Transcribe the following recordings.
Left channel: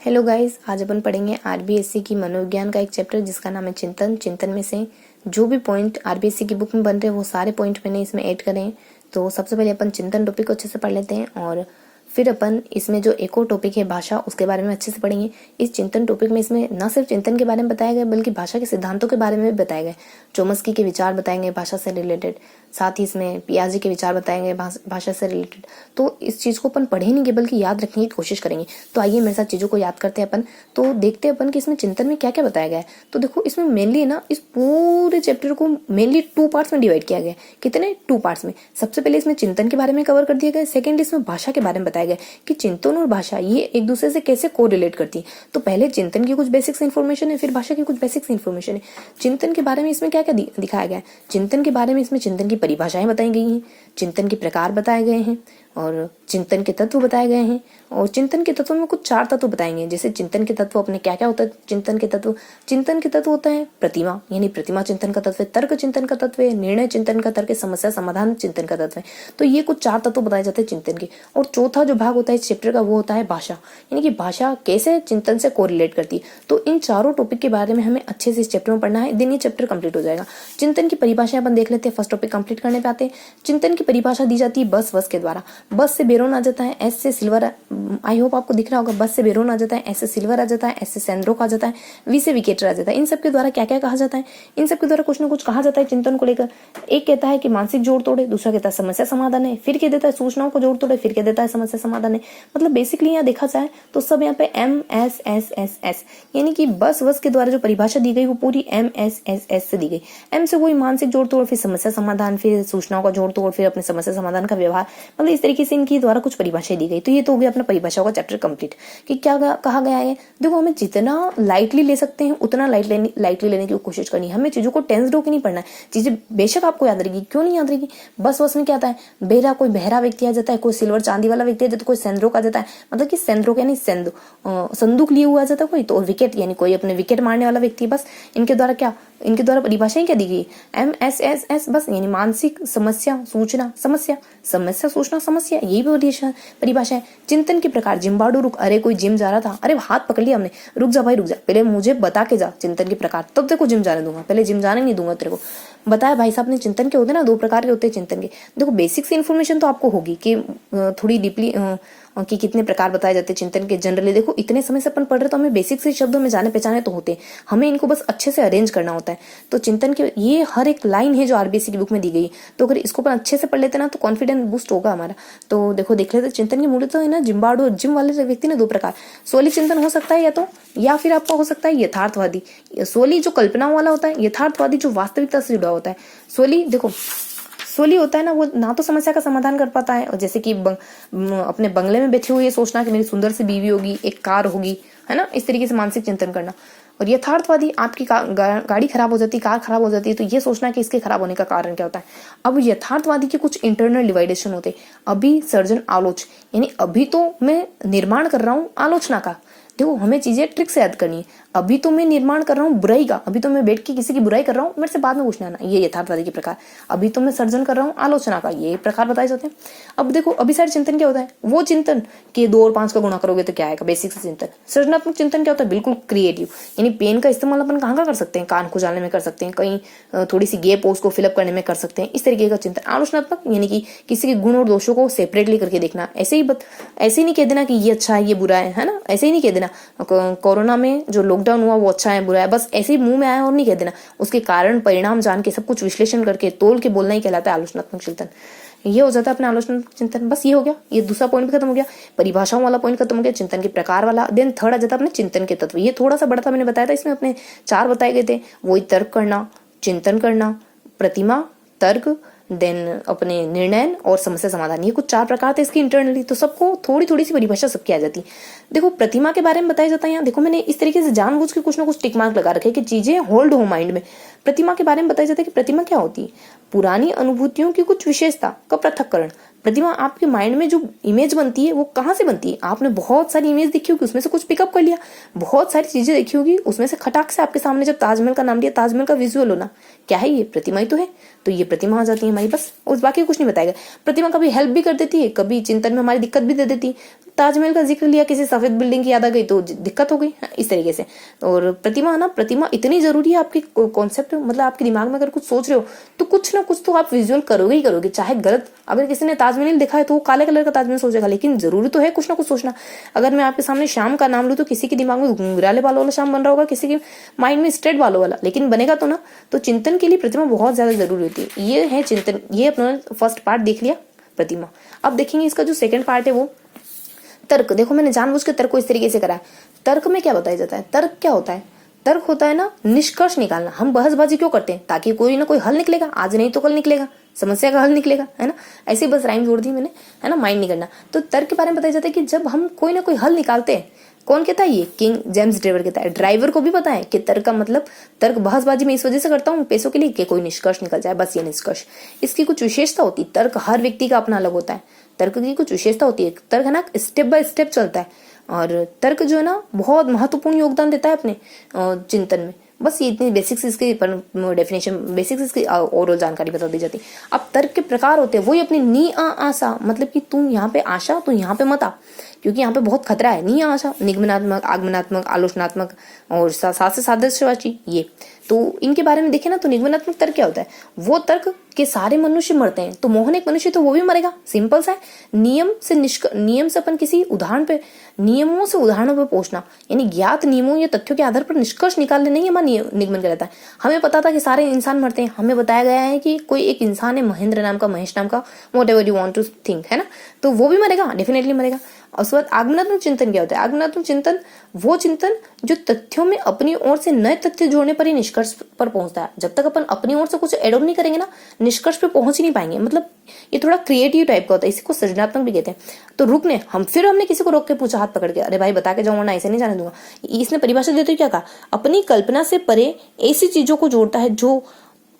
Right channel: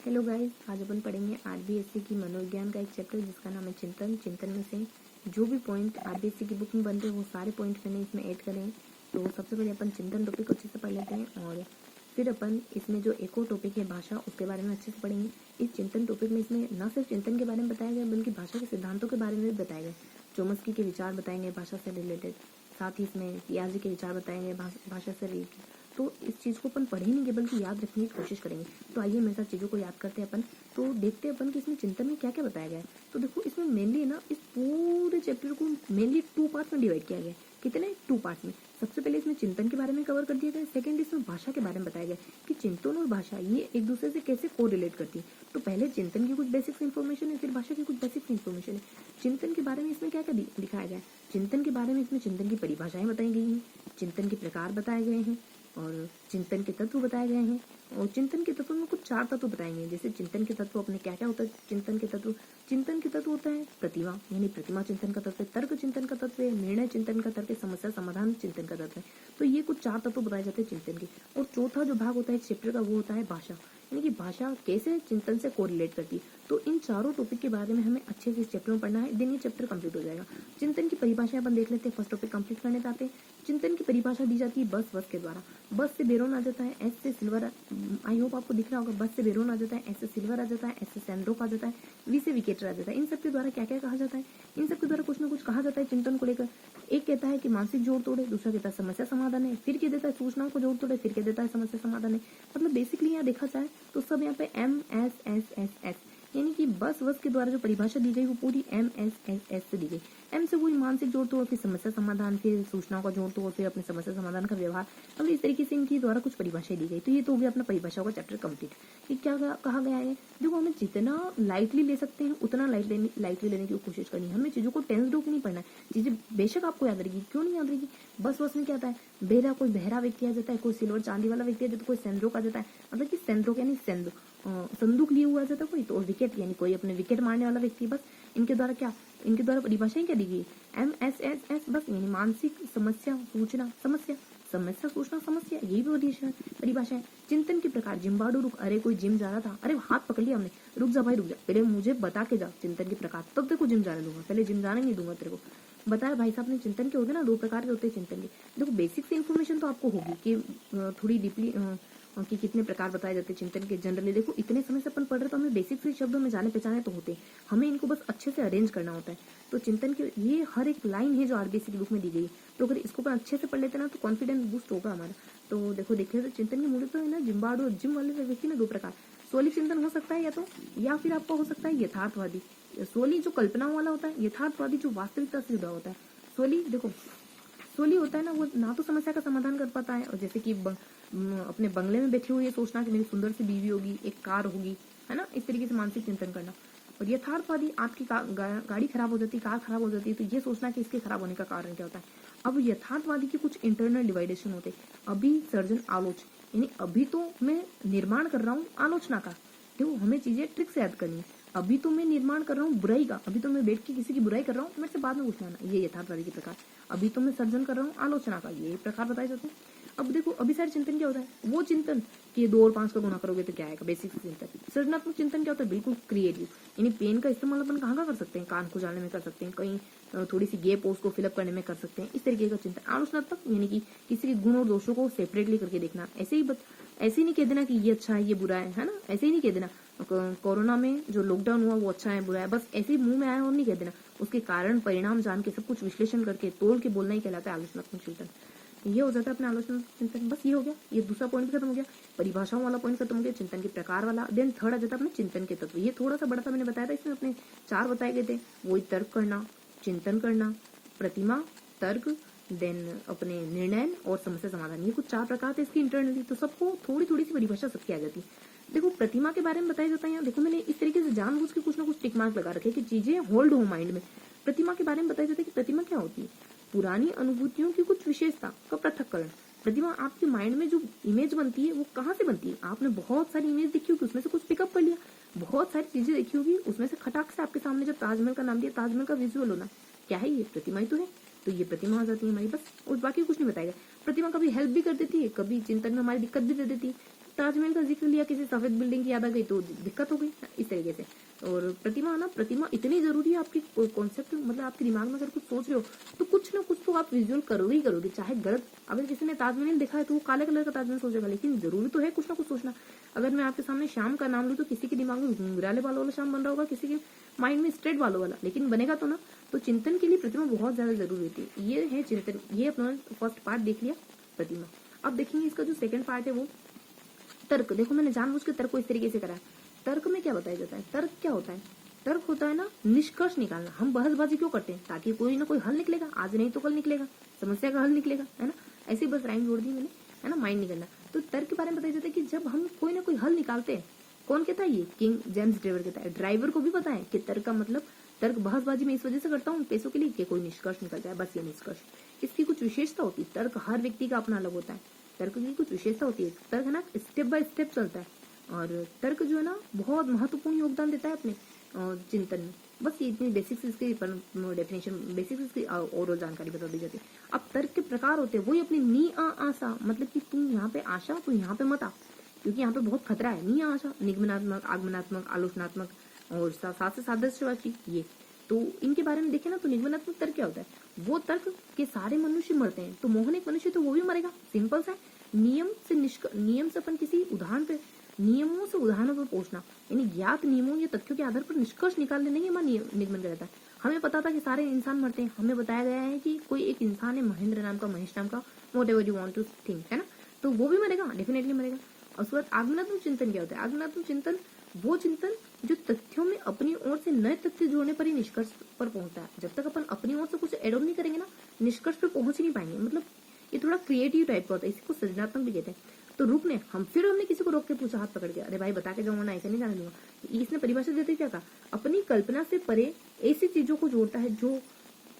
Hello guys, आज अपन पढ़ेंगे RBSC की मनोविज्ञान का एक चैप्टर जिसका नाम है चिंतन। चिंतन में से जो भी पॉइंट आरबीएससी की बुक में बन रहे हैं वो सारे पॉइंट मैंने इसमें ऐड करे हैं। तो सबसे पहले अपन चिंतन टॉपिक को अच्छे से पढ़ लेते हैं और फिर अपन इसमें जो एक और टॉपिक है भाषा, उसके बारे में अच्छे से पढ़ेंगे। इस चिंतन टॉपिक में इसमें न सिर्फ चिंतन के बारे में बताया गया बल्कि भाषा के सिद्धांतों के बारे में भी बताया गया। चोम्स्की के विचार बताएंगे भाषा से रिलेटेड, साथ ही इसमें पियाजे के विचार बताएंगे भाषा से रिलेटेड। तो इस चीज़ को अपन पढ़ेंगे बल्कि याद रखने की कोशिश करेंगे। तो आइए मेरे साथ चीज़ों को याद करते हैं अपन। तो देखते हैं अपन कि इसमें चिंतन में क्या क्या बताया गया है। तो देखो, इसमें मेनली ना इस पूरे चैप्टर को मेनली 2 पार्ट्स में डिवाइड किया गया है। कितने 2 पार्ट्स में। सबसे पहले इसमें चिंतन के बारे में कवर कर दिया गया है। सेकंड, इसमें भाषा के बारे में बताया गया कि चिंतन और भाषा ये एक दूसरे से कैसे को रिलेट करती है। तो पहले चिंतन की कुछ बेसिक्स इन्फॉर्मेशन है, फिर भाषा की कुछ बेसिक्स इन्फॉर्मेशन है। चिंतन के बारे में इसमें क्या क्या दिखाया गया है। चिंतन के बारे में इसमें चिंतन की परिभाषाएं बताई गई हैं, चिंतन के प्रकार बताए गए हैं और चिंतन के तत्व बताए गए हैं। और चिंतन के तत्वों में कुछ 4 तत्व बताएंगे। जैसे चिंतन के तत्व अपने क्या क्या होता है। चिंतन के तत्व होता है प्रतिमा, यानी प्रतिमा चिंतन का तत्व है, तर्क चिंतन का तत्व है, निर्णय चिंतन का तर्क है, समस्या समाधान चिंतन का तत्व है। तो ये कुछ 4 तत्व बताए जाते हैं चिंतन के। और चौथा जो भाग होता है इस चैप्टर का वो होता है भाषा, यानी कि भाषा कैसे चिंतन से कोरिलेट करती है। तो इन चारों टॉपिक के बारे में हमें अच्छे से इस चैप्टर में पढ़ना है, दिन ये चैप्टर कंप्लीट हो जाएगा। चिंतन की परिभाषा अपन देख लेते हैं। फर्स्ट टॉपिक कंप्लीट करने पे आते हैं। चिंतन की परिभाषा दी जाती है बस के द्वारा। बस से बेरोन आ जाता है, एस से सिल्वर, आई होप आपको दिख रहा होगा। बस से बेरोन आ जाता है, एस से सिल्वर आ जाता है, एस से सैंड्रोक आ जाता है, वी से विकेटर आ जाता है। इन सब के द्वारा क्या क्या कहा जाता है। इन सब के द्वारा कुछ ना कुछ कहा जाता है चिंतन को लेकर। एक कहता है कि मानसिक जोड़ तोड़े, दूसरा कहता है समस्या समाधान है, फिर कह देता है सूचनाओं को जोड़ तोड़े, फिर कह देता है समस्या समाधान है। मतलब बेसिकली यहाँ देखा जाए तो सब यहाँ पे MSSSS, यानी कि बस के द्वारा जो परिभाषा दी गई वो पूरी MSSS से दी गई। एम से वही मानसिक जोड़ तोड़, फिर समस्या समाधान, फिर सूचनाओं का जोड़ तोड़, फिर अपने समस्या समाधान का व्यवहार। मतलब इस तरीके से इनकी द्वारा कुछ परिभाषाएं दी गई। तो ये तो हो गया अपना परिभाषाओं का चैप्टर कंप्लीट कि क्या कहा गया है। देखो, हमें जितना लाइटली ले सकते हैं उतना लाइटली लेने की कोशिश करनी है। हमें चीजों को टेंस होकर नहीं पढ़ना है। चीजें बेशक आपको याद रहेगी, क्यों नहीं याद रहेगी। बस में क्या आता है, कोई बहरा व्यक्ति आ जाता है, कोई सिल्वर चांदी वाला व्यक्ति आ जाता है, कोई सेंद्रोक आ जाता है। मतलब कि सेंद्रोक यानी संदूक लिए हुआ आ जाता है कोई, तो विकेट यानी कोई अपने विकेट मारने वाला व्यक्ति। बस इनके द्वारा परिभाषाएं क्या दी गई। MSSS बस, यानी मानसिक समस्या सूचना समस्या, समस्या सूचना समस्या, यही परिभाषा है। चिंतन के प्रकार, जिम्बाडू रुक, अरे कोई जिम जा रहा था, अरे हाथ पकड़ लिया हमने, रुक जा भाई रुक जा, पहले मुझे बता के जा चिंतन के प्रकार, तब तेरे को जिम जाने दूंगा, पहले जिम जाने नहीं दूंगा तेरे को। बताया भाई साहब ने चिंतन के होते हैं ना, 2 प्रकार के होते हैं चिंतन के। देखो, बेसिक्स इन्फॉर्मेशन तो आपको होगी कि थोड़ी डीपली कि कितने प्रकार बताए जाते हैं चिंतन के। जनरली देखो, इतने समय से अपन पढ़ रहे तो हमें बेसिक से शब्दों में जाने पहचाने तो होते हैं, हमें इनको बस अच्छे से अरेंज करना होता है। तो चिंतन के ये हर एक लाइन है जो आरबीएससी की बुक में दी गई। तो अगर इसको अपन अच्छे से पढ़ लेते ना तो कॉन्फिडेंस बूस्ट होगा हमारा। तो देखो, देख लेते चिंतन के मूल्य तो है ना, जिम्बाडो जिम वाले व्यक्ति ने 2 प्रकार। सोली चिंतन हो सकता है या फिर आपका हो सकता है यथार्थवादी। सोली जो कल्पना वाला होता है, यथार्थवादी जो वास्तविकता से जुड़ा होता है। सोली होता है ना, वो ना तो समस्या का समाधान कर पाता है, और जैसे कि अपने बंगले में बैठे हुए ये सोचना कि मेरी सुंदर सी बीवी होगी, एक कार होगी, है ना, इस तरीके से मानसिक चिंतन करना। और यथार्थवादी, आपकी गाड़ी खराब हो जाती, कार खराब हो जाती है, तो ये सोचना कि इसके खराब होने का कारण क्या होता है। अब यथार्थवादी के कुछ इंटरनल डिवाइडेशन होते हैं। अभी सर्जन आलोच, यानी अभी तो मैं निर्माण कर रहा हूँ आलोचना का। देखो, हमें चीजें ट्रिक से याद करनी है। अभी तो मैं निर्माण कर रहा हूँ बुराई का, अभी तो मैं बैठ के किसी की बुराई कर रहा हूँ, मेरे से बाद में पूछना आना, ये यथार्थवादी के प्रकार। अभी तो मैं सर्जन कर रहा हूँ आलोचना का, ये प्रकार बताए जाते हैं। अब देखो, अभिसारी चिंतन क्या होता है, वो चिंतन कि 2 और 5 का गुणा करोगे तो क्या आएगा, बेसिक से चिंतन। सृजनात्मक चिंतन क्या होता है, बिल्कुल क्रिएटिव, यानी पेन का इस्तेमाल अपन कहाँ कर सकते हैं, कान खुजाने में कर सकते हैं, कहीं थोड़ी सी गैप हो उसको फिलअप करने में कर सकते हैं, इस तरीके का चिंतन। आलोचनात्मक, यानी कि किसी के गुण और दोषों को सेपरेटली करके देखना। ऐसे ही नहीं कह देना कि ये अच्छा है ये बुरा है ना, ऐसे ही नहीं कह देना कोरोना में जो लॉकडाउन हुआ वो अच्छा है बुरा है, बस ऐसे ही मुंह में आया और नहीं कह देना। उसके कारण परिणाम जान के सब कुछ विश्लेषण करके तोल के बोलना ही कहलाता है आलोचनात्मक चिंतन। ये हो जाता है अपना आलोचनात्मक चिंतन। बस ये हो गया, ये दूसरा पॉइंट भी खत्म हो गया, परिभाषाओं वाला पॉइंट खत्म हो गया, चिंतन के प्रकार वाला। देन थर्ड आ जाता है अपने चिंतन के तत्व। ये थोड़ा सा बड़ा था, मैंने बताया था, इसमें अपने 4 बताए गए थे। वही तर्क करना, चिंतन करना, प्रतिमा, तर्क, देन अपने निर्णय और समस्या समाधान। ये कुछ 4 प्रकार थे इसकी इंटरनली। तो सबको थोड़ी थोड़ी सी परिभाषा सबकी आ जाती। देखो, प्रतिमा के बारे में बताया जाता है यहाँ। देखो, मैंने इस तरीके से जानबूझ के कुछ ना कुछ टिक मार्क लगा रखे कि चीजें होल्ड हो माइंड में। प्रतिमा के बारे में बताया जाता है कि प्रतिमा क्या होती है, पुरानी अनुभूतियों की कुछ विशेषता का पृथक्करण। प्रतिमा, आपके माइंड में जो इमेज बनती है वो कहाँ से बनती है। आपने बहुत सारी इमेज देखी होगी, उसमें से कुछ पिकअप कर लिया, बहुत सारी चीजें देखी होगी, उसमें से खटाक से आपके सामने जब ताजमहल का नाम लिया, ताजमहल का विजुअल होना, क्या है ये, प्रतिमा ही तो है। तो ये प्रतिमा आ जाती है हमारी, बस उस बाकी कुछ नहीं बताएगा। प्रतिमा कभी हेल्प भी कर देती है, कभी चिंतन में हमारी दिक्कत भी दे देती है। ताजमहल का जिक्र लिया, किसी सफेद बिल्डिंग की याद आ गई तो दिक्कत हो गई, इस तरीके से। और प्रतिमा ना, प्रतिमा इतनी जरूरी है आपकी कॉन्सेप्ट, मतलब आपके दिमाग में अगर कुछ सोच रहे हो तो कुछ ना कुछ तो आप विजुअल करोगे ही करोगे, चाहे गलत। अगर किसी ने ताजमहल दिखा है तो वो काले कलर का ताजमहल सोचेगा, लेकिन जरूरी तो है कुछ ना कुछ सोचना। अगर मैं आपके सामने शाम का नाम लूँ तो किसी के दिमाग में घुंघराले बालों वाला शाम बन रहा होगा, किसी के माइंड में स्ट्रेट बालों वाला, लेकिन बनेगा तो ना। तो चिंतन के लिए प्रतिमा बहुत ज्यादा जरूरी होती है। ये है चिंतन, ये अपना फर्स्ट पार्ट देख लिया प्रतिमा। अब देखेंगे इसका जो सेकंड पार्ट है वो तर्क। देखो मैंने जानबूझ के तर्क को इस तरीके से करा है। तर्क में क्या बताया जाता है? तर्क क्या होता है? तर्क होता है ना निष्कर्ष निकालना। हम बहसबाजी क्यों करते हैं? ताकि कोई ना कोई हल निकलेगा, आज नहीं तो कल निकलेगा, समस्या का हल निकलेगा, है ना। ऐसे ही बस राइम जोड़ दी मैंने, है ना, माइंड नहीं करना। तो तर्क के बारे में बताया जाता है कि जब हम कोई ना कोई हल निकालते हैं, कौन कहता है? ये किंग जेम्स ड्राइवर कहता है। ड्राइवर को भी पता है कि तर्क का मतलब, तर्क बहसबाजी में इस वजह से करता हूँ पैसों के लिए कि कोई निष्कर्ष निकल जाए, बस ये निष्कर्ष। इसकी कुछ विशेषता होती है, तर्क हर व्यक्ति का अपना अलग होता है। तर्क की कुछ विशेषता होती है। तर्क है ना स्टेप बाय स्टेप चलता है, और तर्क जो है ना बहुत महत्वपूर्ण योगदान देता है अपने चिंतन में। बस ये इतनी बेसिक्स इसकी डेफिनेशन, बेसिक्स इसकी ओवरऑल जानकारी बता दी जाती है। अब तर्क के प्रकार होते हैं वही अपने नी आ आशा, मतलब कि तुम यहाँ पे आशा, तो यहाँ पे मत आ, क्योंकि यहाँ पे बहुत खतरा है। नी आशा निगमनात्मक, आगमनात्मक, आलोचनात्मक और साथ से सादृश्यवाची। ये तो इनके बारे में देखें ना, तो निगमनात्मक तर्क क्या होता है? वो तर्क के सारे मनुष्य मरते हैं तो मोहन एक मनुष्य तो वो भी मरेगा, सिंपल सा है। नियम से अपन किसी उदाहरण पे, नियमों से उदाहरणों पे पहुंचना, यानी ज्ञात नियमों या तथ्यों के आधार पर निष्कर्ष निकालने नहीं हमारा निगमन कहलाता है। हमें पता था कि सारे इंसान मरते हैं, हमें बताया गया है कि कोई एक इंसान है महेंद्र नाम का, महेश नाम का, whatever you want to think, है ना, तो वो भी मरेगा, डेफिनेटली मरेगा। और उसके बाद आगमनात्मक चिंतन क्या होता है? आगमनात्मक चिंतन वो चिंतन जो तथ्यों में अपनी ओर से नए तथ्य जोड़ने पर ही निष्कर्ष पर पहुंचता है। जब तक अपन अपनी ओर से कुछ एड ऑन नहीं करेंगे ना, निष्कर्ष पे पहुंच ही नहीं पाएंगे। मतलब ये थोड़ा क्रिएटिव टाइप का होता है, इसी को सृजनात्मक भी कहते हैं। तो रुकने हमने किसी को रोक के पूछा, हाथ पकड़ के, अरे भाई बता के जाऊंगा ना, ऐसे नहीं जाने दूंगा। इसने परिभाषा देते हुए क्या कहा? अपनी कल्पना से परे ऐसी चीजों को जोड़ता है जो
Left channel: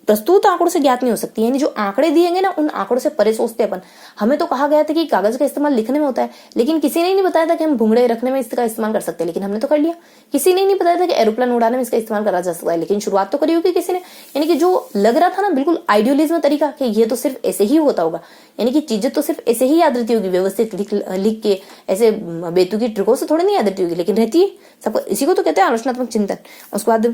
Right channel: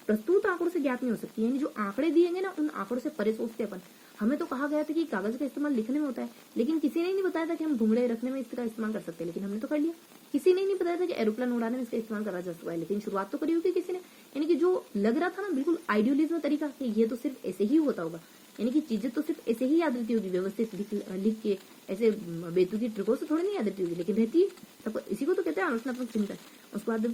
प्रस्तुत आंकड़ों से ज्ञात नहीं हो सकती, यानी जो आंकड़े दिएंगे ना उन आंकड़ों से परे सोचते अपन। हमें तो कहा गया था कि कागज का इस्तेमाल लिखने में होता है, लेकिन किसी ने नहीं बताया था कि हम घुंघरे रखने में इसका इस्तेमाल कर सकते हैं, लेकिन हमने तो कर लिया। किसी ने नहीं बताया था कि एरोप्लेन उड़ाने में इसका इस्तेमाल करा जा सकता है, लेकिन शुरुआत तो करी होगी किसी ने। यानी कि जो लग रहा था ना बिल्कुल आइडियोलिज्म तरीका कि ये तो सिर्फ ऐसे ही होता होगा, यानी कि चीजें तो सिर्फ ऐसे ही याद रहती होगी, व्यवस्थित लिख के, ऐसे बेतुकी ट्रिकों से थोड़ी नहीं याद रहती होगी, लेकिन रहती है सबको। इसी को तो कहते हैं आलोचनात्मक चिंतन। उसके बाद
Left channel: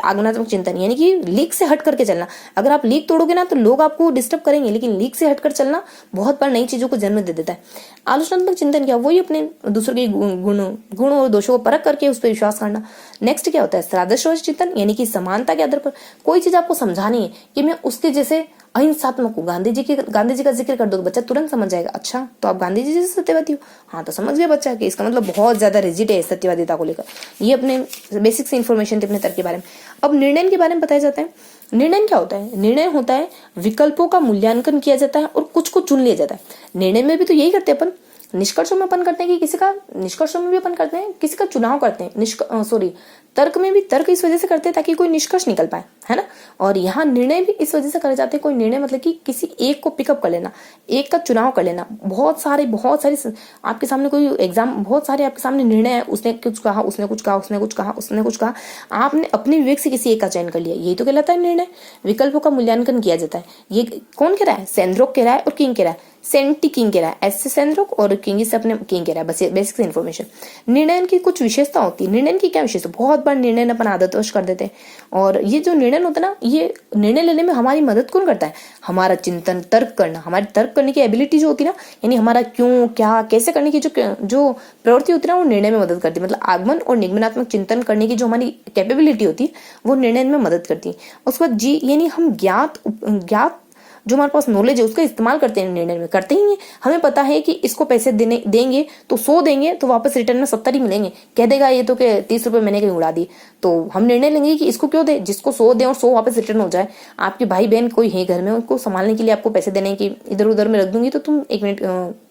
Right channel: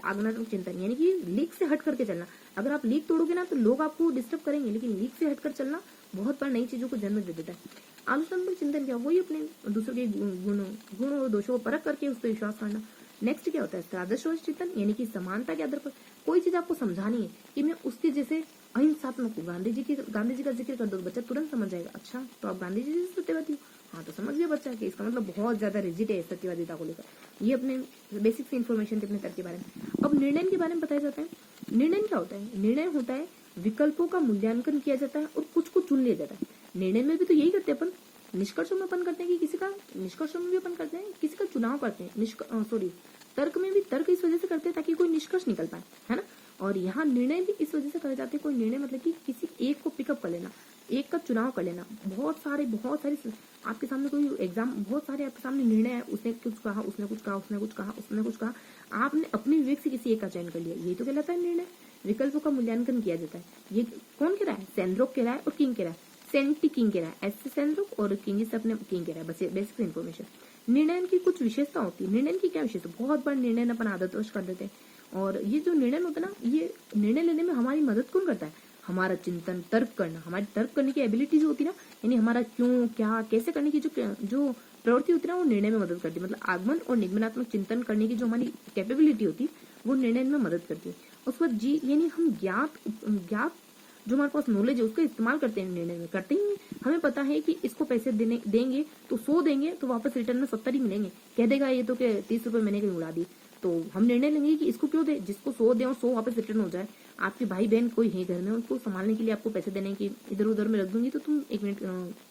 आगमनात्मक चिंतन, यानी कि लीक से हट करके चलना। अगर आप लीक तोड़ोगे ना तो लोग आपको डिस्टर्ब करेंगे, लेकिन लीक से हटकर चलना बहुत बार नई चीजों को जन्म दे देता है। आलोचनात्मक चिंतन क्या? वही अपने दूसरों के गुण और दोषों को परख करके उस पर विश्वास करना। नेक्स्ट क्या होता है? सादृश्यवाची चिंतन, यानी कि समानता के आधार पर कोई चीज आपको समझानी है कि मैं उसके जैसे अहिंसात्मक हूँ। गांधी जी का जिक्र कर दो तो बच्चा तुरंत समझ जाएगा, अच्छा तो आप गांधी जी जैसे सत्यवादी हो, हाँ तो समझ गया बच्चा कि इसका मतलब बहुत ज्यादा रिजिड है सत्यवादिता को लेकर। ये अपने बेसिक से इन्फॉर्मेशन थे अपने तर्क के बारे में। अब निर्णय के बारे में बताया जाता है। निर्णय क्या होता है? निर्णय होता है विकल्पों का मूल्यांकन किया जाता है और कुछ को चुन लिया जाता है। निर्णय में भी तो यही करते हैं अपन, निष्कर्षों में अपन करते हैं कि किसी का, निष्कर्षों में भी अपन करते हैं किसी का चुनाव करते हैं, तर्क में भी तर्क इस वजह से करते हैं ताकि कोई निष्कर्ष निकल पाए, है ना। और यहाँ निर्णय भी इस वजह से करे जाते हैं। कोई निर्णय मतलब कि किसी एक को पिकअप कर लेना, एक का चुनाव कर लेना। बहुत सारे आपके सामने कोई एग्जाम, बहुत सारे आपके सामने निर्णय है, उसने कुछ कहा, उसने कुछ कहा, उसने कुछ कहा, उसने कुछ कहा, आपने अपने विवेक से किसी एक का चयन कर लिया, यही तो कहलाता है निर्णय। विकल्पों का मूल्यांकन किया जाता है। ये कौन कह रहा है? सेंद्रोक कह रहा है और किंग कह रहा है। सेंटी किंग कह रहा है, एस से सेंद्रोक और किंग से अपने किंग कह रहा है। बस बेसिक इन्फॉर्मेशन। निर्णय की कुछ विशेषता होती है। निर्णय की क्या विशेषता? बहुत बार निर्णय अपन आदतवश कर देते हैं, और ये जो निर्णय होता है ना, ये निर्णय लेने में हमारी मदद कौन करता है? हमारा चिंतन, तर्क करना, हमारी तर्क करने की एबिलिटी जो होती है ना, यानी हमारा क्यों, क्या, कैसे करने की जो प्रवृत्ति होती है ना, वो निर्णय में मदद करती है। मतलब आगमन और निगमनात्मक चिंतन करने की जो हमारी कैपेबिलिटी होती है वो निर्णय में मदद करती है। उसके बाद जी, यानी हम ज्ञात जो हमारे पास नॉलेज है उसका इस्तेमाल करते हैं, निर्णय में करते ही हैं। हमें पता है कि इसको पैसे देंगे तो 100 देंगे तो वापस रिटर्न में 70 ही मिलेंगे। कह देगा ये तो कि 30 रुपए मैंने कहीं उड़ा दी, तो हम निर्णय लेंगे कि इसको क्यों दे, जिसको 100 दें और 100 वापस रिटर्न हो जाए। आपके भाई बहन कोई है घर में, उनको संभालने के लिए आपको पैसे देने की इधर उधर में रख दूंगी तो तुम 1 मिनट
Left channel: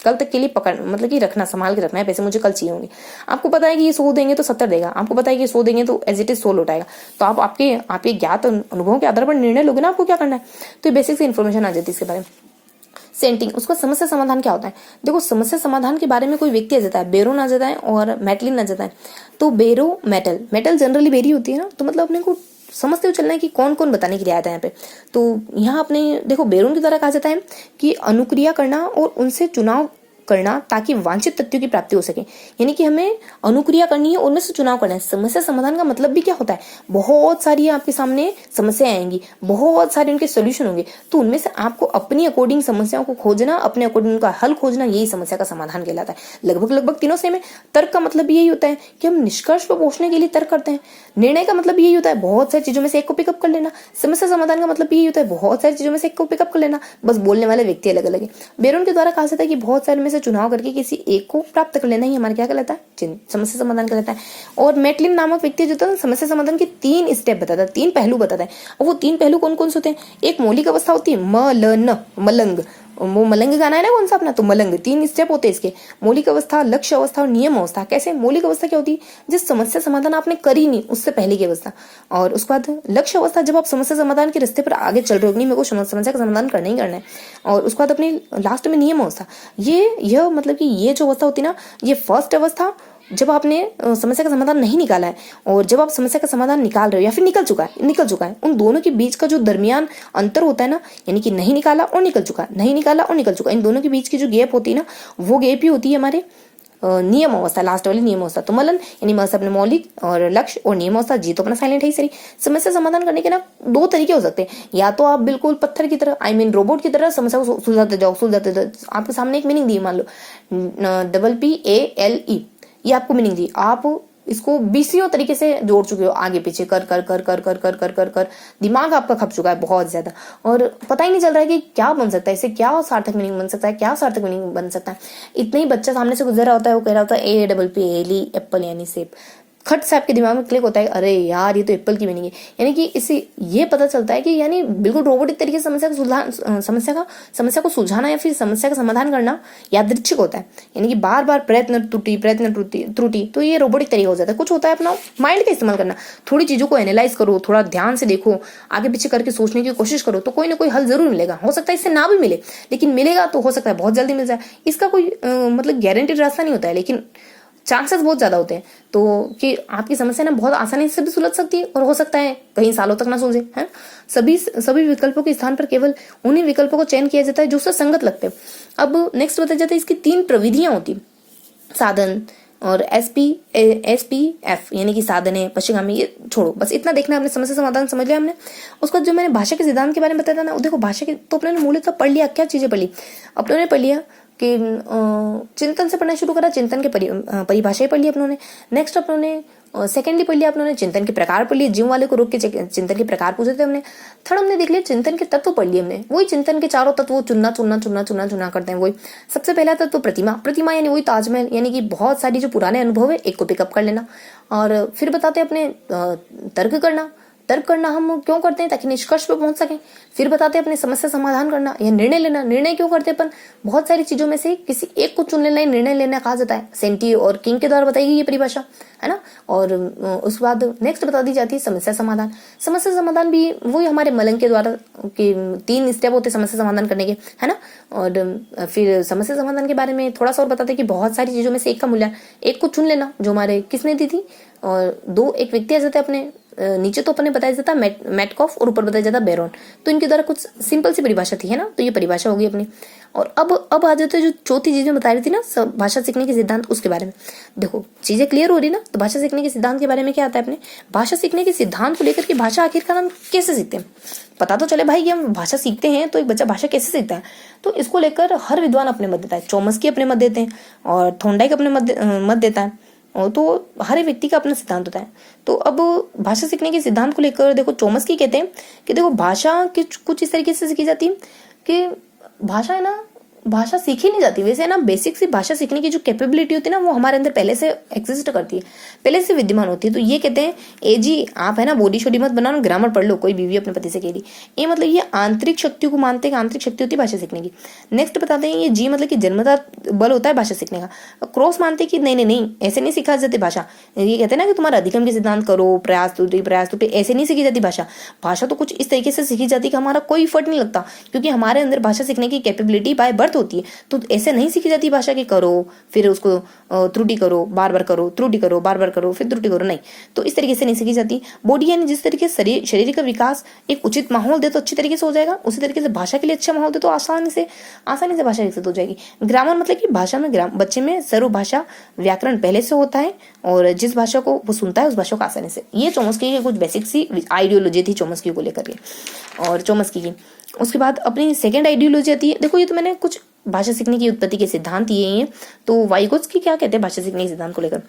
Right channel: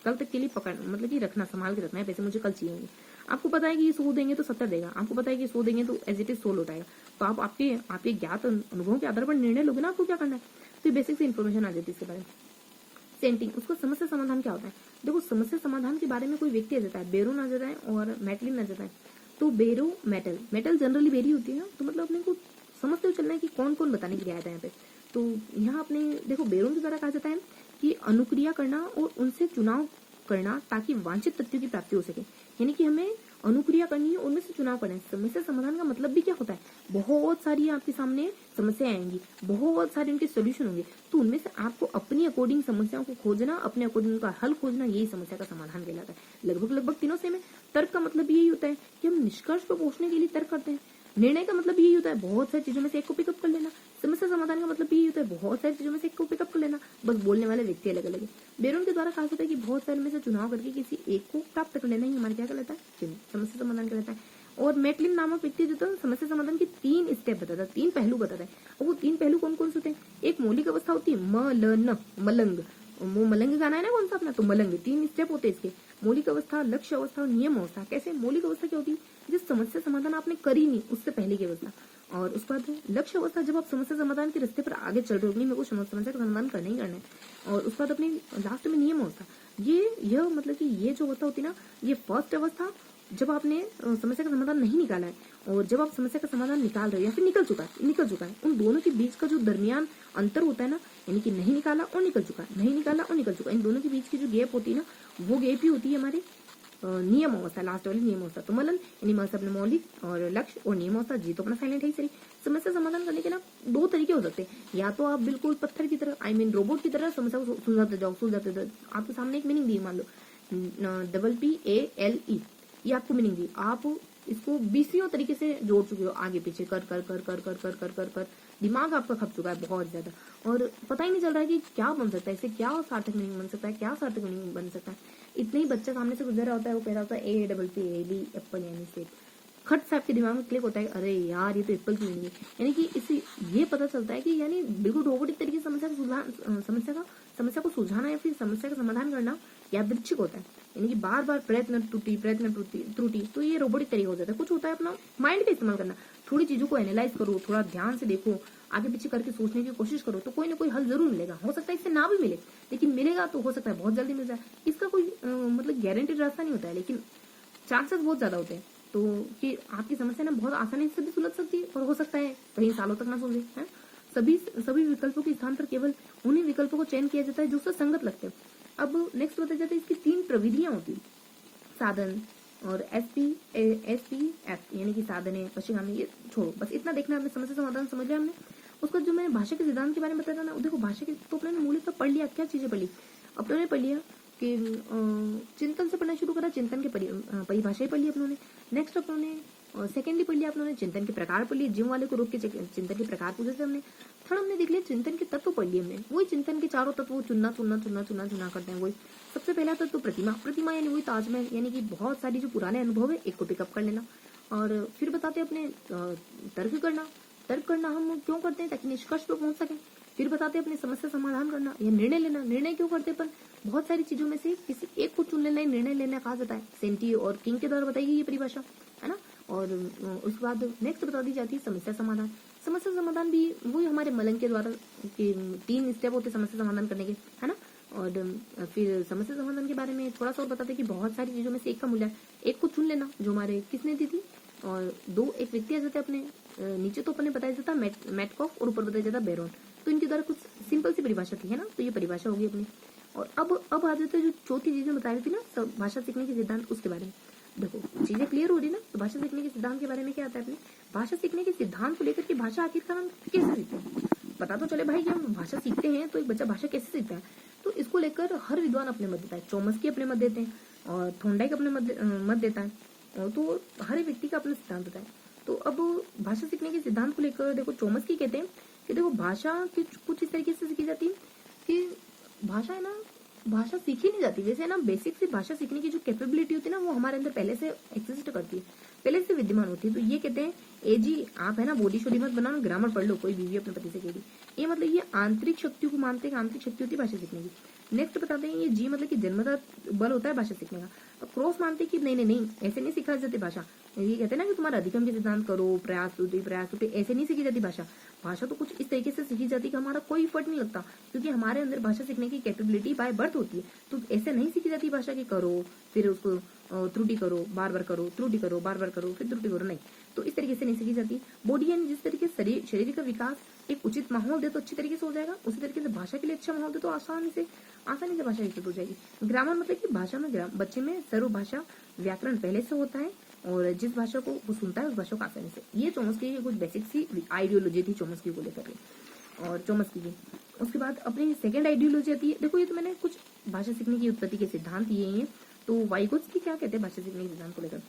कल तक के लिए पकड़, मतलब कि रखना, संभाल के रखना है, पैसे मुझे कल चाहिए होंगे। आपको पता है कि ये 100 देंगे तो 70 देगा, आपको पता है कि 100 देंगे तो एज इट इज 100 लौटाएगा। तो आप आपके ज्ञात अनुभवों के आधार पर निर्णय लोगे ना, आपको क्या करना है। तो ये बेसिक से इन्फॉर्मेशन आ जाती है इसके बारे में। सेंटिंग, उसका समस्या समाधान क्या होता है? देखो समस्या समाधान के बारे में कोई व्यक्ति आ जाता है, बेरोन आ जाता है और मेटलिन आ जाता है। तो बेरो मेटल जनरली बेरी होती है ना, तो मतलब अपने को समझते हुए चलना है कि कौन कौन बताने के लिए आया था यहाँ पे। तो यहाँ अपने देखो बेरोन की तरह कहा जाता है कि अनुक्रिया करना और उनसे चुनाव करना ताकि वांछित तथ्यों की प्राप्ति हो सके। यानी कि हमें अनुक्रिया करनी है, उनमें से चुनाव करना है। समस्या समाधान का मतलब भी क्या होता है, बहुत सारी आपके सामने समस्याएं आएंगी, बहुत सारे उनके सोल्यूशन होंगे, तो उनमें से आपको अपनी अकॉर्डिंग समस्याओं को खोजना, अपने अकॉर्डिंग उनका हल खोजना, यही समस्या का समाधान कहलाता है। लगभग लगभग तीनों से में तर्क का मतलब यही होता है कि हम निष्कर्ष पर पहुंचने के लिए तर्क करते हैं। निर्णय का मतलब यही होता है बहुत सारी चीजों में से एक को पिकअप कर लेना। समस्या समाधान का मतलब यही होता है बहुत सारी चीजों में से एक को पिकअप कर लेना, बस बोलने वाले व्यक्ति अलग अलग है। बेरोन के द्वारा कहा जाता है कि बहुत सारे में से चुनाव करके किसी एक को प्राप्त कर लेना ही हमारा क्या कहलाता है, समस्या समाधान कहलाता है। और मैटलिन नामक व्यक्ति जो था समस्या समाधान के 3 स्टेप बताता है, 3 पहलू बताता है। और वो 3 पहलू कौन कौन से होते हैं, एक मौलिक अवस्था होती है मलंग, वो मलंग गाना है ना कौन सा अपना, तो मलंग 3 स्टेप होते हैं इसके, मौलिक अवस्था, लक्ष्य अवस्था और नियम अवस्था। कैसे, मौलिक अवस्था क्या होती है, जिस समस्या समाधान आपने करी नहीं उससे पहले की अवस्था। और उसके बाद लक्ष्य अवस्था, जब आप समस्या समाधान के रास्ते पर आगे चल रहे हो, नहीं मेरे को समस्या का समाधान करना ही करना है। और उसके बाद अपनी लास्ट में नियम अवस्था, यह मतलब कि ये जो अवस्था होती है ना, ये फर्स्ट अवस्था जब आपने समस्या का समाधान नहीं निकाला है, और जब आप समस्या का समाधान निकाल रहे हो या फिर निकल चुका है, उन दोनों के बीच का जो दरमियान अंतर होता है ना, यानी कि नहीं निकाला और निकल चुका, नहीं निकाला और निकल चुका, इन दोनों के बीच की जो गैप होती है ना, वो गैप ही होती है हमारे नियम अवस्था, लास्ट वाली नियम अवस्था। तो मलन यानी मस अपने मौलिक और लक्ष्य और नियम अवस्था, जी तो अपना साइलेंट है ही सही। समस्या समाधान करने के ना 2 तरीके हो सकते हैं, या तो आप बिल्कुल पत्थर की तरह, रोबोट की तरह समस्या को सुलझाते जाओ। आपके सामने एक मीनिंग दी, मान लो PPALE, ये आपको मीनिंग दी, आप इसको 20 तरीके से जोड़ चुके हो, आगे पीछे कर कर कर कर कर कर कर कर कर दिमाग आपका खप चुका है बहुत ज्यादा, और पता ही नहीं चल रहा है कि क्या बन सकता है, इससे क्या सार्थक मीनिंग बन सकता है, क्या सार्थक मीनिंग बन सकता है। इतना ही बच्चा सामने से गुजर रहा होता है, वो कह रहा होता है APPLE, एप्पल यानी सेब। खट से आपके दिमाग में क्लिक होता है, अरे यार ये तो एप्पल की मीनिंग है। यानी कि इससे ये पता चलता है कि यानी बिल्कुल रोबोटिक तरीके से समस्या को सुलझाना या फिर समस्या का समाधान करना यादृच्छिक होता है। यानी कि बार बार प्रयत्न त्रुटि, तो ये रोबोटिक तरीका हो जाता है। कुछ होता है अपना माइंड का इस्तेमाल करना, थोड़ी चीजों को एनालाइज करो, थोड़ा ध्यान से देखो, आगे पीछे करके सोचने की कोशिश करो, तो कोई ना कोई हल जरूर मिलेगा। हो सकता है इससे ना भी मिले, लेकिन मिलेगा तो हो सकता है बहुत जल्दी मिल जाए। इसका कोई मतलब गारंटीड रास्ता नहीं होता है, लेकिन चांसेस बहुत ज्यादा होते हैं तो कि आपकी समस्या ना बहुत आसानी से भी सुलझ सकती है, और हो सकता है कई सालों तक ना सुलझे, है। सभी विकल्पों के स्थान पर केवल उन्हीं विकल्पों को चयन किया जाता है जो उससे संगत लगते हैं। अब नेक्स्ट बताया जाता है इसकी 3 प्रविधियां होती, साधन और SPF, यानी कि साधन है, पश्चिगामी, ये छोड़ो, बस इतना देखना, आपने समस्या समाधान समझ लिया हमने। उसके बाद जो मैंने भाषा के सिद्धांत के बारे में बताया था ना, देखो भाषा के तो अपने मूलतः पढ़ लिया, क्या चीजें पढ़ ली अपनों ने, पढ़ लिया कि चिंतन से पढ़ना शुरू करा, चिंतन के परिभाषाएं पढ़ ली अपनों ने। नेक्स्ट अपनों ने सेकेंडली पढ़ लिया अपनों ने चिंतन के प्रकार पढ़ लिए, जिम वाले को रोक के चिंतन के प्रकार पूछे थे हमने। थर्ड हमने देख लिया चिंतन के तत्व पढ़ लिए हमने, वही चिंतन के चारों तत्व चुनना करते हैं। वही सबसे पहला तत्व प्रतिमा यानी वही ताजमहल, यानी कि बहुत सारी जो पुराने अनुभव है एक को पिकअप कर लेना। और फिर बताते हैं अपने तर्क करना हम क्यों करते हैं, ताकि निष्कर्ष पे पहुंच सकें। फिर बताते हैं अपने समस्या समाधान करना या निर्णय लेना, निर्णय क्यों करते हैं अपन, बहुत सारी चीजों में से किसी एक को चुन लेना, निर्णय लेना कहा जाता है। सेंटी और किंग के द्वारा बताई गई ये परिभाषा, है ना। और उसके बाद नेक्स्ट बता दी जाती है समस्या समाधान भी वही हमारे मलंग के द्वारा कि 3 स्टेप होते समस्या समाधान करने के, है ना। और फिर समस्या समाधान के बारे में थोड़ा सा और बताते कि बहुत सारी चीजों में से एक का मूल्य, एक को चुन लेना, जो हमारे किसने दी थी, और 2 एक व्यक्ति आ जाते हैं अपने नीचे तो अपने बताया जाता मेटकॉफ और ऊपर बताया जाता बेरोन, तो इनके द्वारा कुछ सिंपल सी परिभाषा थी, है ना। तो ये परिभाषा होगी अपनी। और अब आ जाते हैं जो चौथी चीज में बता रही थी ना, भाषा सीखने के सिद्धांत, उसके बारे में देखो चीजें क्लियर हो रही ना। तो भाषा सीखने के सिद्धांत के बारे में क्या आता है अपने, भाषा सीखने के सिद्धांत को लेकर के भाषा आखिरकार हम कैसे सीखते हैं, पता तो चले भाई कि हम भाषा सीखते हैं, तो एक बच्चा भाषा कैसे सीखता है, तो इसको लेकर हर विद्वान अपने मत देता है। चॉम्स्की अपने मत देते हैं और थॉर्नडाइक अपने मत देता है, तो हर एक व्यक्ति का अपना सिद्धांत होता है। तो अब भाषा सीखने के सिद्धांत को लेकर देखो चॉम्स्की कहते हैं कि देखो भाषा कुछ इस तरीके से सीखी जाती है कि भाषा है ना, भाषा सीखी नहीं जाती वैसे, है ना। बेसिक सी भाषा सीखने की जो कैपेबिलिटी होती है ना, वो हमारे अंदर पहले से एग्जिस्ट करती है, पहले से विद्यमान होती है। तो ये कहते हैं जी आप है ना बॉडी शोडी मत बनाओ, ग्रामर पढ़ लो, कोई बीवी अपने पति से कह दी, ये मतलब ये आंतरिक शक्तियों को मानते हैं, आंतरिक शक्ति होती है भाषा सीखने की। नेक्स्ट बताते हैं ये जी मतलब कि जन्मजात बल होता है भाषा सीखने का। क्रॉस मानते हैं कि नहीं ऐसे नहीं सिखा जाती भाषा, ये कहते हैं ना कि तुम्हारा अधिगम के सिद्धांत करो, प्रयास त्रुटि, ऐसे नहीं सीखी जाती भाषा। भाषा तो कुछ इस तरीके से सीखी जाती है कि हमारा कोई इफर्ट नहीं लगता, क्योंकि हमारे अंदर भाषा सीखने की कैपेबिलिटी बाय बर्थ अर्थ होती है। तो ऐसे नहीं सीखी जाती भाषा की करो फिर उसको त्रुटि करो, बार बार करो, त्रुटि करो, बार बार करो, फिर त्रुटि करो, नहीं। तो इस तरीके से नहीं सीखी जाती। बॉडी यानी जिस तरीके से शरीर का विकास एक उचित माहौल दे तो अच्छी तरीके से हो जाएगा, उसी तरीके से भाषा के लिए अच्छा माहौल दे तो आसानी से भाषा विकसित हो जाएगी। ग्रामर मतलब कि भाषा में बच्चे में सर्व भाषा व्याकरण पहले से होता है और जिस भाषा को वो सुनता है उस भाषा को आसानी से। ये चोम्स्की की कुछ बेसिक सी आइडियोलॉजी थी चोम्स्की को लेकर के और चोम्स्की की। उसके बाद अपनी सेकंड आइडियोलॉजी आती है। देखो ये तो मैंने कुछ भाषा सीखने की उत्पत्ति के सिद्धांत ये हैं। तो वाइगोत्स्की क्या कहते हैं भाषा सीखने के सिद्धांत को लेकर?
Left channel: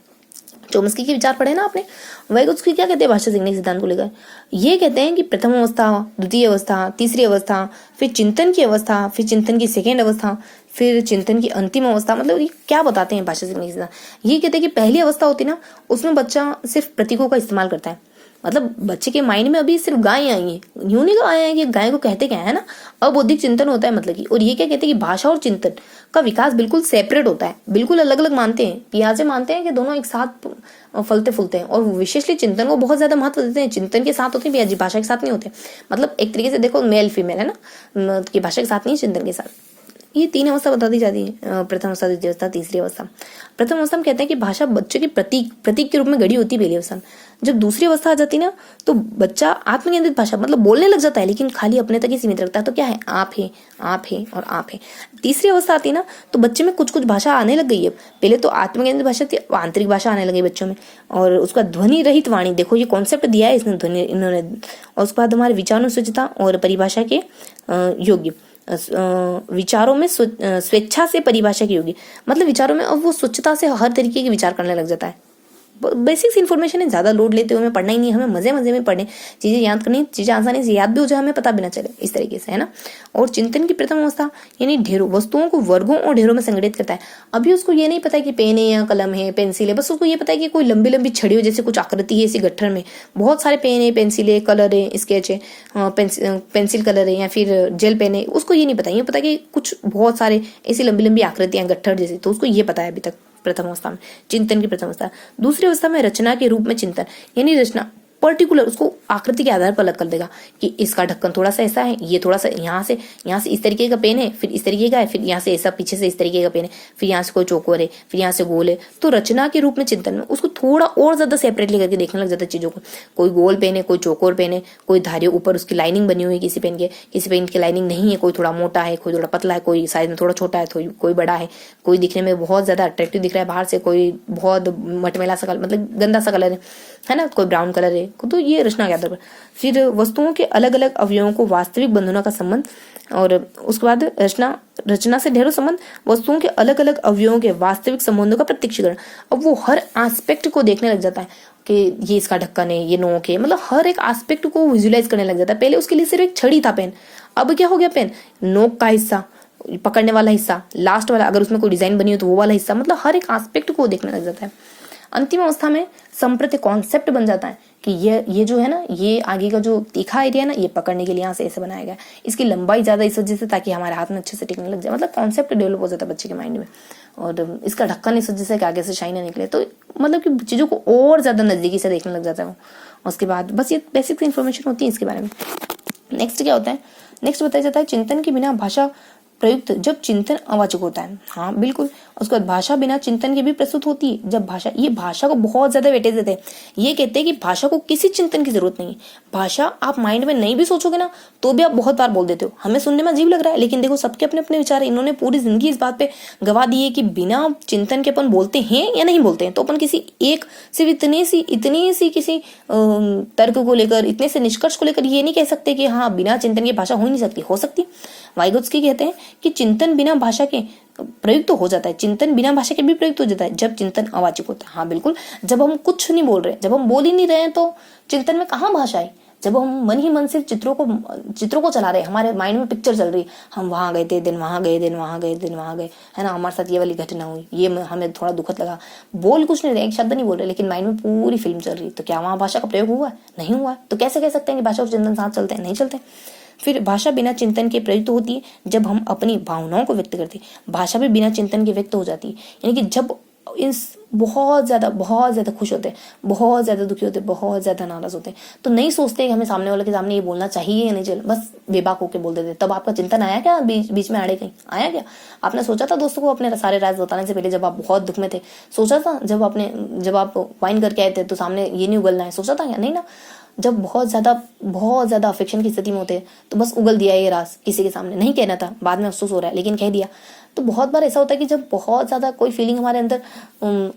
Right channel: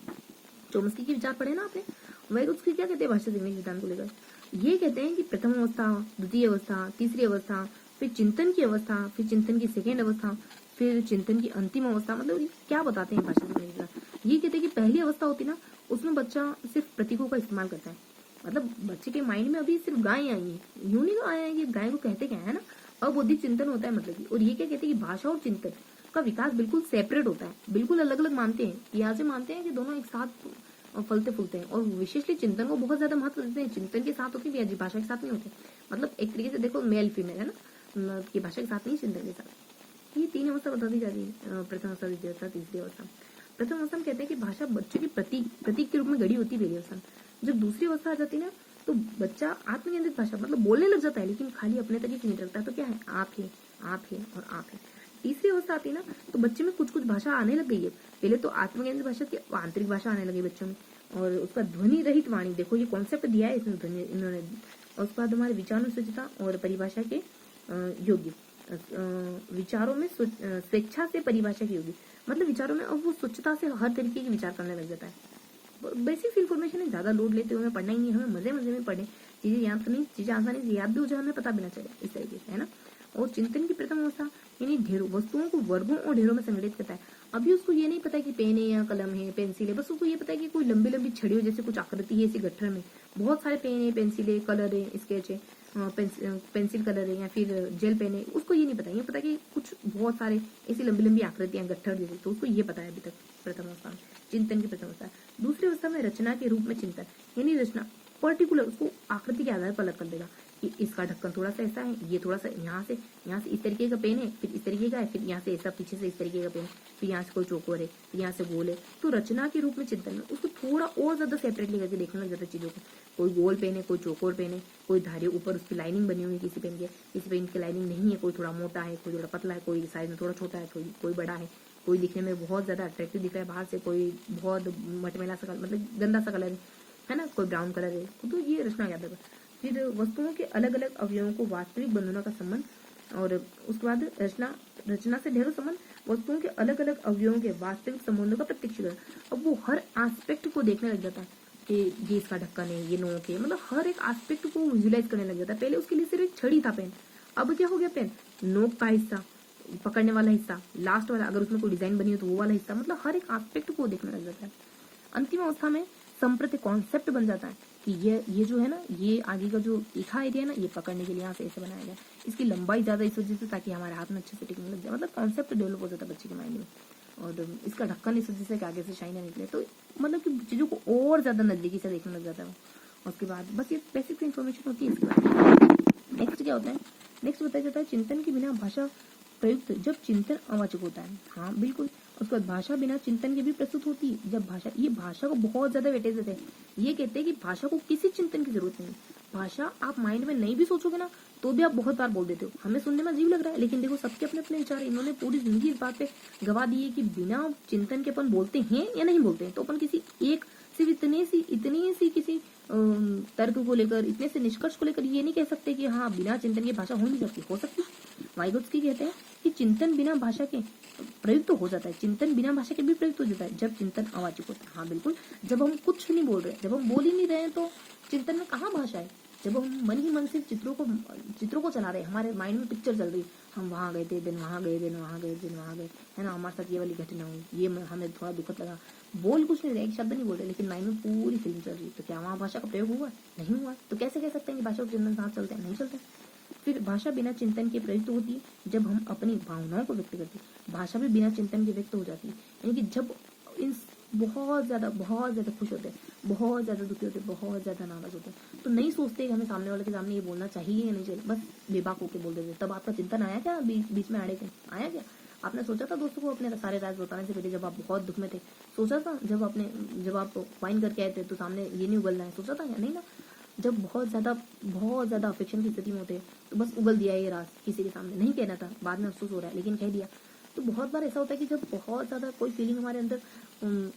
चोम्स्की के विचार पढ़े ना आपने। वाइगोत्स्की क्या कहते हैं भाषा सीखने के सिद्धांत को लेकर? ये कहते हैं कि प्रथम अवस्था, द्वितीय अवस्था, तीसरी अवस्था, फिर चिंतन की अवस्था, फिर चिंतन की सेकेंड अवस्था, फिर चिंतन की अंतिम अवस्था। मतलब ये क्या बताते हैं भाषा सीखने के सिद्धांत? ये कहते हैं कि पहली अवस्था होती है ना, उसमें बच्चा सिर्फ प्रतीकों का इस्तेमाल करता है। मतलब बच्चे के माइंड में अभी सिर्फ गाय आई है, यूं नहीं आया है कि गाय को कहते क्या है ना, अबौद्धिक चिंतन होता है मतलब कि। और ये क्या कहते हैं कि भाषा और चिंतन का विकास बिल्कुल सेपरेट होता है, बिल्कुल अलग अलग मानते हैं। पियाजे मानते हैं कि दोनों एक साथ फलते फूलते हैं और विशेषली चिंतन को बहुत ज्यादा महत्व देते हैं। चिंतन के साथ होते हैं पियाजी, भाषा के साथ नहीं होते। मतलब एक तरीके से देखो मेल फीमेल है ना, कि भाषा के साथ नहीं, चिंतन के साथ। ये तीन अवस्था बता दी जाती है, प्रथम अवस्था, द्वितीय अवस्था, तीसरी अवस्था। प्रथम अवस्था में कहते हैं कि भाषा बच्चे की प्रतीक के रूप में गढ़ी होती है पहली अवस्था में। जब दूसरी अवस्था आ जाती है ना, तो बच्चा आत्मकेंद्रित भाषा मतलब बोलने लग जाता है, लेकिन खाली अपने तक ही सीमित रखता है। तो क्या है, आप है, आप है और आप है। तीसरी अवस्था आती है ना, तो बच्चे में कुछ कुछ भाषा आने लग गई है। पहले तो आत्मकेंद्रित भाषा थी, आंतरिक भाषा आने लगी बच्चों में। और उसका ध्वनि रहित वाणी, देखो ये कॉन्सेप्ट दिया है इसने ध्वनि इन्होंने। और उसके बाद हमारे विचारानुस्वच्छता और परिभाषा के योग्य, विचारों में स्वेच्छा से परिभाषा की होगी। मतलब विचारों में अब वो स्वच्छता से हर तरीके के विचार करने लग जाता है। बेसिक्स इन्फॉर्मेशन है, ज्यादा लोड लेते हुए हमें पढ़ना ही नहीं, हमें मजे मजे में पढ़े, चीजें याद करनी, चीजें आसानी से याद भी हो जाए, हमें पता भी ना चले, इस तरीके से है ना। और चिंतन की प्रथम अवस्था यानी ढेरों वस्तुओं को वर्गों और ढेरों में संगठित करता है। अभी उसको ये नहीं पता है कि पेन है या कलम है, पेंसिल है, बस उसको ये पता है कि कोई लंबी लंबी छड़ी हो, जैसे कुछ आकृति है इसी गट्ठर में, बहुत सारे पेन है, पेंसिल है, कलर है, स्केच है, पेंसिल कलर है या फिर जेल पेन है। उसको ये नहीं पता, ये पता कि कुछ बहुत सारे ऐसी लंबी लंबी आकृतियां गट्ठर जैसी, तो उसको ये पता है अभी तक प्रथम अवस्था में, चिंतन की प्रथम अवस्था। दूसरी अवस्था में रचना के रूप में चिंतन, यानी रचना पर्टिकुलर उसको आकृति के आधार पर अलग कर देगा कि इसका ढक्कन थोड़ा सा ऐसा है, ये थोड़ा सा यहाँ से इस तरीके का पेन है, फिर इस तरीके का है, फिर यहाँ से ऐसा पीछे से इस तरीके का पेन है, फिर यहाँ से कोई चौकोर है, फिर यहाँ से गोल है। तो रचना के रूप में चिंतन में उसको थोड़ा और ज्यादा सेपरेटली करके देखने लग जाता है चीजों को। कोई गोल पेन है, कोई चौकोर पेन है, कोई धारी ऊपर उसकी लाइनिंग बनी हुई है किसी पेन की लाइनिंग नहीं है, कोई थोड़ा मोटा है, कोई थोड़ा पतला है, कोई साइज में थोड़ा छोटा है, कोई बड़ा है, कोई दिखने में बहुत ज्यादा अट्रैक्टिव दिख रहा है बाहर से, कोई बहुत मटमैला सा मतलब गंदा सा कलर है ना, कोई ब्राउन कलर है। तो ये रचना के आधार पर। फिर वस्तुओं के अलग अलग अवयवों को वास्तविक बंधनों का संबंध, और उसके बाद रचना से ढेरों संबंध, वस्तुओं के अलग अलग अवयवों के वास्तविक संबंधों का प्रत्यक्षीकरण। अब वो हर एस्पेक्ट को देखने लग जाता है कि ये इसका ढक्कन है, ये नोक है, मतलब हर एक एस्पेक्ट को विजुलाइज करने लग जाता है। पहले उसके लिए सिर्फ एक छड़ी था पेन, अब क्या हो गया पेन, नोक का हिस्सा, पकड़ने वाला हिस्सा, लास्ट वाला अगर उसमें कोई डिजाइन बनी हो तो वो वाला हिस्सा, मतलब हर एक एस्पेक्ट को देखने लग जाता है। अंतिम अवस्था में संप्रति कॉन्सेप्ट बन जाता है कि ये जो है ना, ये आगे का जो तीखा एरिया ना, ये पकड़ने के लिए यहाँ से ऐसे बनाया गया, इसकी लंबाई ज्यादा इस वजह से ताकि हमारे हाथ में अच्छे से टिकने लग जाए। मतलब कॉन्सेप्ट डेवलप हो जाता है बच्चे के माइंड में। और इसका ढक्कन इस वजह से कि आगे से शाइन ना निकले, तो मतलब कि चीजों को और ज्यादा नजदीकी से देखने लग जाता है वो। उसके बाद बस ये बेसिक इन्फॉर्मेशन होती है इसके बारे में। नेक्स्ट क्या होता है, नेक्स्ट बताया जाता है चिंतन के बिना भाषा प्रयुक्त जब चिंतन अवाचक होता है। हाँ बिल्कुल। उसके बाद भाषा बिना चिंतन के भी प्रस्तुत होती है जब भाषा, ये भाषा को बहुत ज्यादा वेटेज देते हैं। ये कहते हैं कि भाषा को किसी चिंतन की जरूरत नहीं है। भाषा आप माइंड में नहीं भी सोचोगे ना तो भी आप बहुत बार बोल देते हो। हमें सुनने में अजीब लग रहा है, लेकिन देखो सबके अपने अपने विचार है। इन्होंने पूरी जिंदगी इस बात पे गवा दी है कि बिना चिंतन के अपन बोलते हैं या नहीं बोलते हैं। तो अपन किसी एक सिर्फ इतनी सी किसी तर्क को लेकर, इतने से निष्कर्ष को लेकर ये नहीं कह सकते कि हाँ बिना चिंतन की भाषा हो ही नहीं सकती। हो सकती। वाइगोत्स्की कहते हैं कि चिंतन बिना भाषा के प्रयुक्त तो हो जाता है, चिंतन बिना भाषा के भी प्रयुक्त हो जाता है जब चिंतन अवाचक होता है। हाँ बिल्कुल। जब हम कुछ नहीं बोल रहे, जब हम बोल ही नहीं रहे हैं तो चिंतन में कहाँ भाषा है। जब हम मन ही मन सिर्फ चित्रों को चला रहे हैं, हमारे माइंड में पिक्चर चल रही है, हम वहां गए थे, दिन वहां गए, दिन वहां गए, दिन वहां गए, है ना, हमारे साथ ये वाली घटना हुई, ये हमें थोड़ा दुखद लगा। बोल कुछ नहीं रहे, एक शब्द नहीं बोल रहे, लेकिन माइंड में पूरी फिल्म चल रही है। तो क्या वहां भाषा का प्रयोग हुआ है? नहीं हुआ। तो कैसे कह सकते हैं कि भाषा और चिंतन साथ चलते हैं? नहीं चलते। फिर भाषा बिना चिंतन के प्रयुक्त होती है जब हम अपनी भावनाओं को व्यक्त करते हैं। भाषा भी बिना चिंतन के व्यक्त हो जाती है, यानी कि जब बहुत ज़्यादा खुश होते हैं, बहुत ज़्यादा दुखी होते हैं, बहुत ज़्यादा नाराज़ होते हैं। तो नहीं सोचते कि हमें सामने वाले के सामने ये बोलना चाहिए या नहीं चाहिए, बस बेबाक होकर बोल देते। तब आपका चिंतन आया क्या बीच में आड़े कहीं आया क्या? आपने सोचा था दोस्तों को अपने सारे राज बताने से पहले, जब आप बहुत दुख में थे? सोचा था जब आप वाइन करके आए थे तो सामने ये नहीं उगलना है? सोचा था क्या? नहीं ना। जब बहुत ज़्यादा अफेक्शन की स्थिति में होते हैं तो बस उगल दिया ये राज, किसी के सामने नहीं कहना था, बाद में अफसोस हो रहा है लेकिन कह दिया। तो बहुत बार ऐसा होता है कि जब बहुत ज़्यादा कोई फीलिंग हमारे अंदर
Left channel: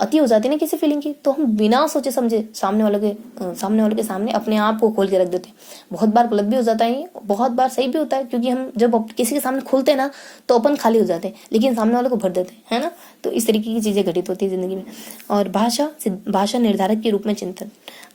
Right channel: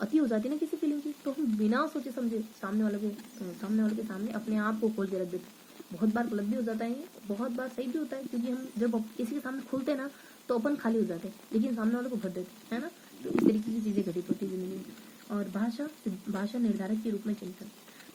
अति हो जाती है ना किसी फीलिंग की, तो हम बिना सोचे समझे सामने वाले के सामने अपने आप को खोल के रख देते हैं। बहुत बार गलत भी हो जाता है, बहुत बार सही भी होता है, क्योंकि हम जब किसी के सामने खुलते हैं ना तो अपन खाली हो जाते हैं, लेकिन सामने वाले को भर देते हैं, है ना। तो इस तरीके की चीज़ें घटित होती है ज़िंदगी में। और भाषा निर्धारक के रूप में चिंतन।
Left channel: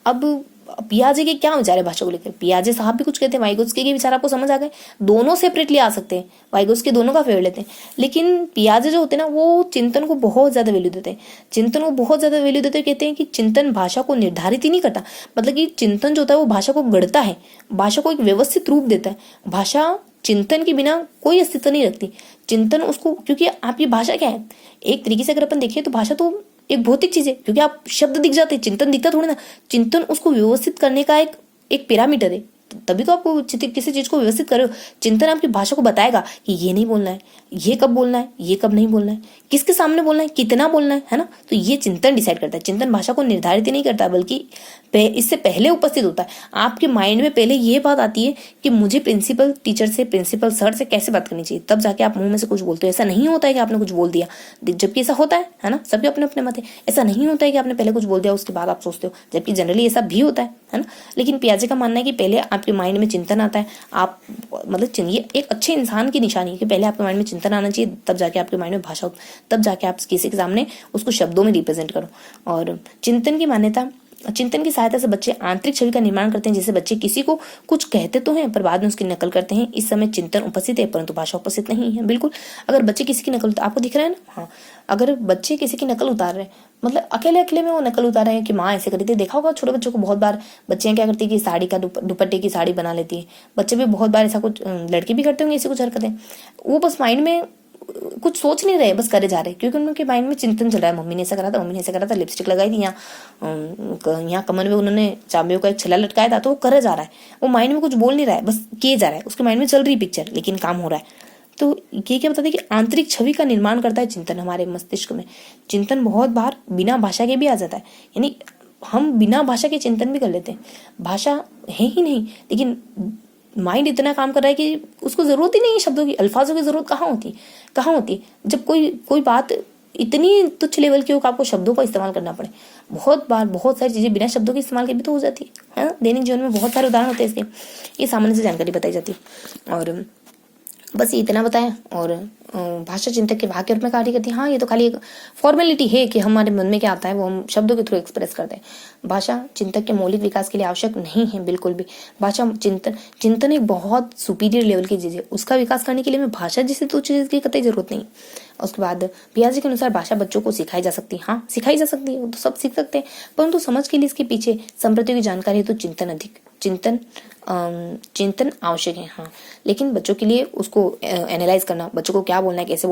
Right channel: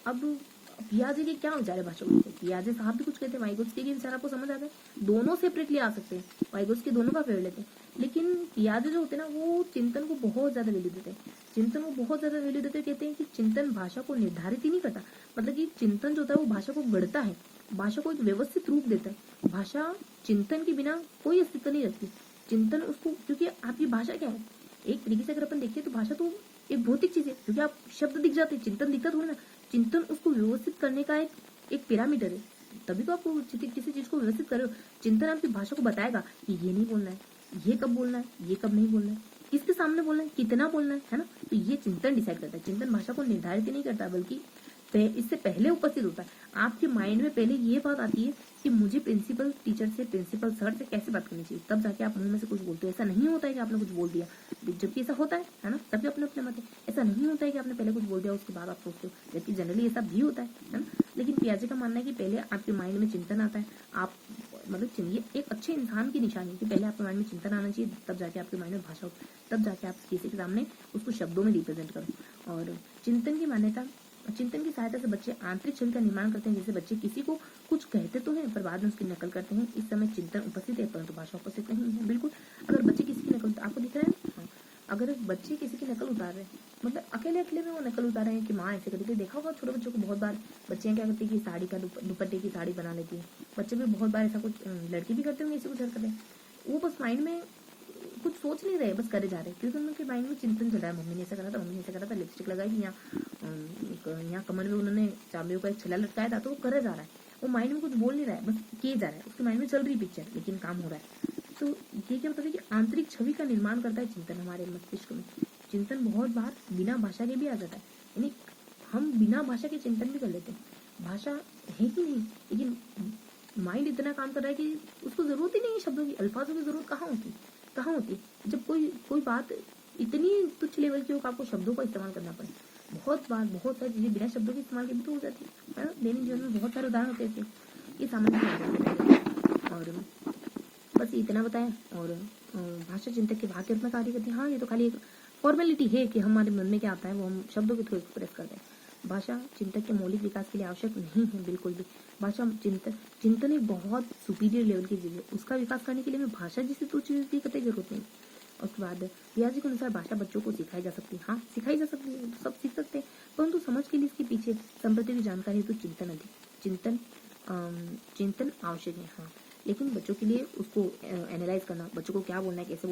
अब पियाजे के क्या विचार है भाषा को लेकर? पियाजे साहब भी कुछ कहते हैं, वाइगोत्स्की के विचार आपको समझ आ गए। दोनों सेपरेटली आ सकते हैं, वाइगोत्स्की दोनों का फेवर लेते हैं, लेकिन पियाजे जो होते हैं ना वो चिंतन को बहुत ज़्यादा वैल्यू देते हैं। चिंतन को बहुत ज़्यादा वैल्यू देते हैं, कहते हैं कि चिंतन भाषा को निर्धारित ही नहीं करता, मतलब कि चिंतन जो होता है वो भाषा को गढ़ता है, भाषा को एक व्यवस्थित रूप देता है। भाषा चिंतन के बिना कोई अस्तित्व नहीं रखती। चिंतन उसको, क्योंकि आपकी भाषा क्या है, एक तरीके से अगर अपन देखें तो भाषा तो एक भौतिक चीज है, क्योंकि आप शब्द दिख जाते हैं, चिंतन दिखता थोड़ी ना। चिंतन उसको व्यवस्थित करने का एक पैरामीटर है, तभी तो आपको किसी चीज को व्यवस्थित कर रहे हो। चिंतन आपकी भाषा को बताएगा कि ये नहीं बोलना है, ये कब बोलना है, ये कब नहीं बोलना है, किसके सामने बोलना है, कितना बोलना है ना। तो ये चिंतन डिसाइड करता है। चिंतन भाषा को निर्धारित ही नहीं करता, बल्कि इससे पहले उपस्थित होता है। आपके माइंड में पहले ये बात आती है कि मुझे प्रिंसिपल टीचर से, प्रिंसिपल सर से कैसे बात करनी चाहिए, तब जाके आप मुंह में से कुछ बोलते हो। ऐसा नहीं होता है कि आपने कुछ बोल दिया, जबकि ऐसा होता है ना, सबके अपने अपने मत है। ऐसा नहीं होता है कि आपने पहले कुछ बोल दिया उसके बाद आप सोचते हो, जबकि जनरली ऐसा भी होता है ना। लेकिन पियाजे का मानना है कि पहले आपके माइंड में चिंतन आता है। आप मतलब ये एक अच्छे इंसान की निशानी है कि पहले आपके माइंड में चिंतन आना चाहिए, तब जाके आपके माइंड में भाषा, तब जाके आप किसी के सामने उसको शब्दों में रिप्रेजेंट करो। और चिंतन की मान्यता, चिंतन की सहायता से बच्चे आंतरिक छवि का निर्माण करते हैं। जैसे बच्चे किसी को कुछ कहते तो हैं पर बाद में उसकी नकल करते हैं। इस समय चिंतन उपस्थित है परंतु भाषा उपस्थित नहीं है। बिल्कुल, अगर बच्चे किसी की नकल, आपको दिख रहा है ना, हाँ, अगर बच्चे किसी की नकल उतार रहे हैं, मतलब अकेले में वो नकल उतार रहे हैं कि माँ ऐसे करी थी। देखा होगा छोटे बच्चों को, बहुत बार बच्चियां क्या करती है कि साड़ी का दुपट्टे की साड़ी बना लेती है। बच्चे भी बहुत बार ऐसा कुछ, लड़के भी करते होंगे ऐसी कुछ हरकतें। वो बस माइंड में कुछ सोच नहीं रहे, बस करे जा रहे, क्योंकि उनके माइंड में चिंतन चल रहा है। मम्मी ने ऐसा करा था, मम्मी ने ऐसा करा था, लिपस्टिक लगाई थी, यहाँ कमर में उन्होंने चाबियों का एक छल्ला लटकाया था, तो वो करे जा रहा है। वो माइंड में कुछ बोल नहीं रहा है, बस किए जा रहा है, उसके माइंड में चल रही पिक्चर, लेकिन काम हो रहा है। तो ये क्या बताते हैं कि आंतरिक छवि का निर्माण करता है चिंतन हमारे मस्तिष्क में। चिंतन बहुत बार बिना भाषा के भी आ जाता है, यानी हम बिना भाषा के चिंतन भी कर लेते हैं। भाषा है ही नहीं, लेकिन माइंड इतना काम कर रहा है कि उसको जरूरत ही नहीं है शब्दों की, अल्फाजों की जरूरत कहाँ होती। जब कोई बात इतनी तुच्छ लेवल की हो कि आपको शब्दों का इस्तेमाल करना पड़े। बहुत बार बहुत सारी चीजें बिना शब्दों के इस्तेमाल के भी तो हो जाती है ना। दैनिक जीवन में बहुत सारे उदाहरण होते हैं इसके, ये सामान्य सी जानकारी बताई जाती है। और बस ये इतना बताया। और भाषा चिंतक के भाग के रूप में कार्य करती है। हाँ, ये तो खाली एक फॉर्मेलिटी है कि हमारे मन में क्या आता है वो हम शब्दों के थ्रू एक्सप्रेस करते हैं। भाषा चिंतक के मौलिक विकास के लिए आवश्यक नहीं है, बिल्कुल भी। भाषा चिंतन एक बहुत सुपीरियर लेवल की चीज़ है, उसका विकास करने के लिए हमें भाषा जैसे तो चीज़ की कतई जरूरत नहीं। उसके बाद पियाजे के अनुसार भाषा बच्चों को सिखाई जा सकती है। हाँ, सिखाई जा सकती है, वो तो सब सीख सकते हैं, परंतु समझ के लिए इसके पीछे संप्रतियों की जानकारी है तो चिंतन आवश्यक है। हाँ, लेकिन बच्चों के लिए उसको एनालाइज करना, बच्चों को क्या बोलना है, कैसे